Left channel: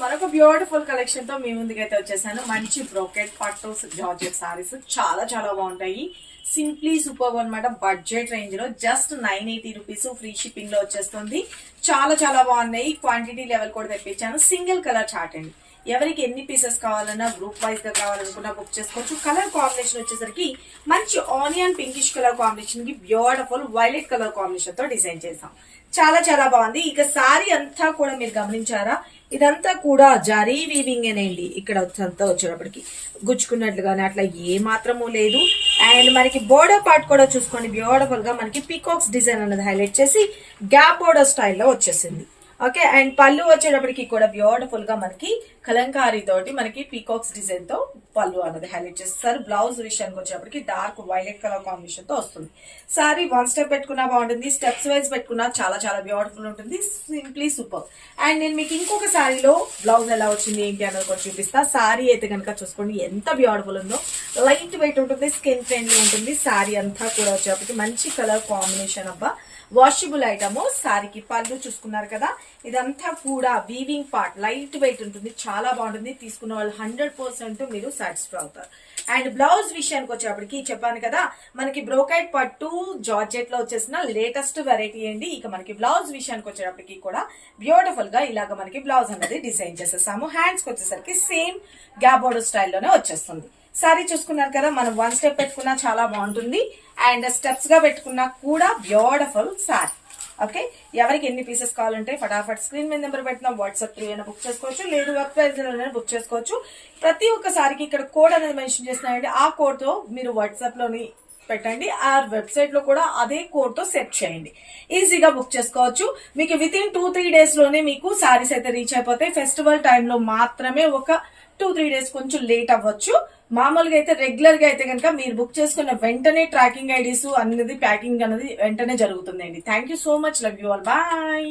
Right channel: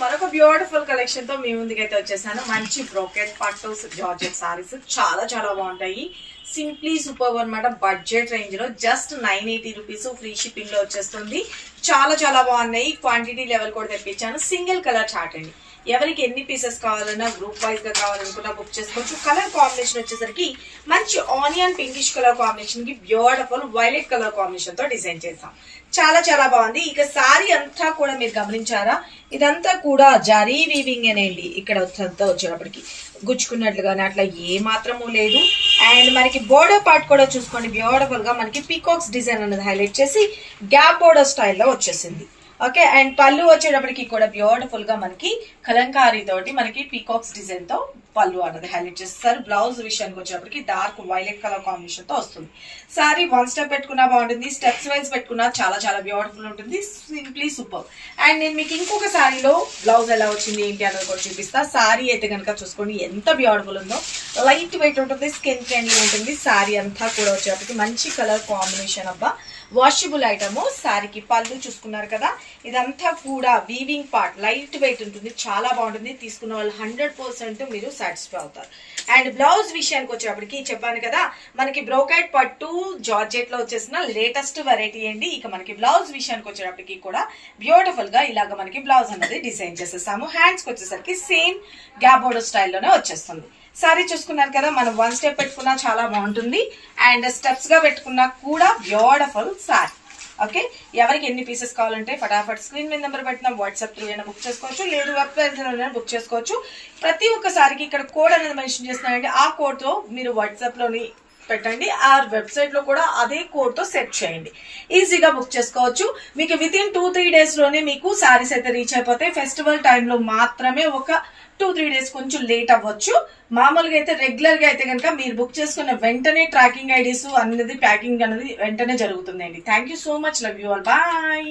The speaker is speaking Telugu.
మరొక బ్యూటిఫుల్ కలెక్షన్ తో మీ ముందుకైతే వచ్చేసాను. మంచి బ్రోకెట్ పట్టు జార్జెట్ సారీస్ చాలా చాలా బాగుంటాయి. సింప్లీ సూపర్ అన్నమాట. బడ్జెట్ రేంజ్ లో జస్ట్ 980 రూపీస్ ఫ్రీ షిప్పింగ్ లో వచ్చేస్తుంది. చాలా చాలా బాగున్నాయి. క్వాంటిటీ లెవెల్ కూడా తెప్పించాను. సింగిల్ కలర్ చార్ట్ అండి. ఎవరికి ఎన్ని పీసెస్ కావాలన్నా గ్రూప్ వైజ్ గా కావాలనుకున్నా బుక్ చేసుకోవచ్చు. కలర్ కాంబినేషన్ వచ్చేసరికి మంచి ఆనియన్ పింకిష్ కలర్ కాంబినేషన్ కి బ్యూటిఫుల్ వైలెట్ కలర్ కాంబినేషన్ తో డిజైన్ చేసాం. చాలా చాలా బాగుంది. ఇక సారీ అంతా కూడా మీరు గమనించారా, ఇదంతా కూడా జరీ వీవింగ్ అనేండి. ఇక్కడ అంతా వచ్చేటప్పటికి గుచ్చుకున్నట్లుగానే అట్లా ఏ మాత్రము లేదు. అండ్ మనకి బోర్డర్ పార్ట్ కూడా చూసుకోండి, బ్యూటిఫుల్ గా మనకి పీకాక్స్ డిజైన్ అనేది హైలైట్ చేసి గ్యాప్ బోర్డర్ స్టైల్లో వచ్చేసింది. ఓకే, అండ్ పళ్ళు వచ్చేటప్పటికి కూడా బ్యూటిఫుల్ గా మనకి కలంకారీ తోటి మనకి పీకాక్స్ డిజైన్ తో పళ్ళు అన్నది హైలైట్ చేస్తారు. బ్లౌజ్ విషయానికి వచ్చేటప్పటికి డార్క్ వైలెట్ కలర్ కాంబినేషన్ తో వస్తుంది. సారీ వన్ స్టెప్ పెట్టుకున్నా బాగుంటుంది, స్టెప్స్ వైజ్ పెట్టుకున్నా చాలా చాలా బ్యూటిఫుల్ ఉంటుంది. Simply super. అండ్ నేను మీకు ఇంకొక సారీలో బ్లౌజ్ ఎలా వచ్చింది ఏంటి అన్నది కూడా చూపిస్తా. సారీ అయితే కనుక చూసుకోండి ఎంత బ్యూటిఫుల్ ఉందో. లైట్ వెయిట్ ఉంటుంది, స్కిన్ ఫ్రెండ్లీ ఉంటుంది. సారీ అంతా కూడా వచ్చేటప్పటికి మంచి కలర్ కాంబినేషన్ అబ్బా. Washable item. సారీకి పళ్ళు చూసుకున్నారు కదా, ఇదంతా కూడా వీవింగ్ పార్ట్ లైట్ వెయిట్ ఉంటుంది, చాలా బాగుంటుంది. తీసుకున్న వాళ్ళు 100% మీరు సాటిస్ఫై అవుతారు. అండ్ బ్లౌజ్ విషయానికి వచ్చేటప్పటికి చెప్పాను కదా, మనకి బ్రోకెట్ పట్టు జార్జెట్ లో వచ్చేసిన లేటెస్ట్ వెరైటీ అండి. ఇక మనకి బ్లౌజ్ విషయానికి వచ్చేటప్పటికి కూడా బ్యూటిఫుల్ గా ఇలాగ మనకి బ్లౌజ్ అనేది డిజైన్ చేసేసాము. హ్యాండ్స్ కి వచ్చేసరికి సేమ్ గ్యాప్ బోర్డర్ స్టైల్లోనే వచ్చేస్తుంది. సారీ చూసుకున్నారు కదా, మనం వన్ స్టెప్ పెట్టుకున్నా చాలా బాగుంటుంది. అండ్ స్టెప్స్ గా పెట్టుకున్నా కూడా బ్యూటిఫుల్ సారీ. ఓకే, ఎవరికి ఎన్ని పీసెస్ కావాలంటే ఫటాఫట్ స్క్రీన్ మీద నెంబర్ పెట్టినా వాట్సాప్ త్రూ అయినా బుక్ చేసుకోవచ్చు, లేదు వెబ్సైట్ బుక్ చేసుకోవచ్చు. ప్రతి ఒక్కసారికి ఇక్కడ కోడ్ అనేది మెన్షన్ చేస్తున్నారండి. ఆ కోడ్ తో మీరు వాట్సాప్ లోని పెట్టండి, ఆ వెబ్సైట్ లో కూడా అదే కోడ్ తో సెట్ చేయండి, ఈజీగా బుక్ చేసుకోవచ్చు. మీకు విత్ ఇన్ 2-3 డేస్ లోనే మీకు సారీస్ అయితే రీచ్ అయిపోతాయి. ఫెస్టివల్ టైంలో మాత్రమే ఒక 2-3 డేస్ కొంచెం లేట్ అవ్వచ్చు. మామూలుగా అయితే రెగ్యులర్ గా అయితే కనుక మీరు బుక్ చేసుకున్న వెంటనే ట్రాకింగ్ ఐడీస్ అనేది ప్యాకింగ్ అనేది వెంటనే జరుగుతుందండి. Thank you so much. Love you all. Bye.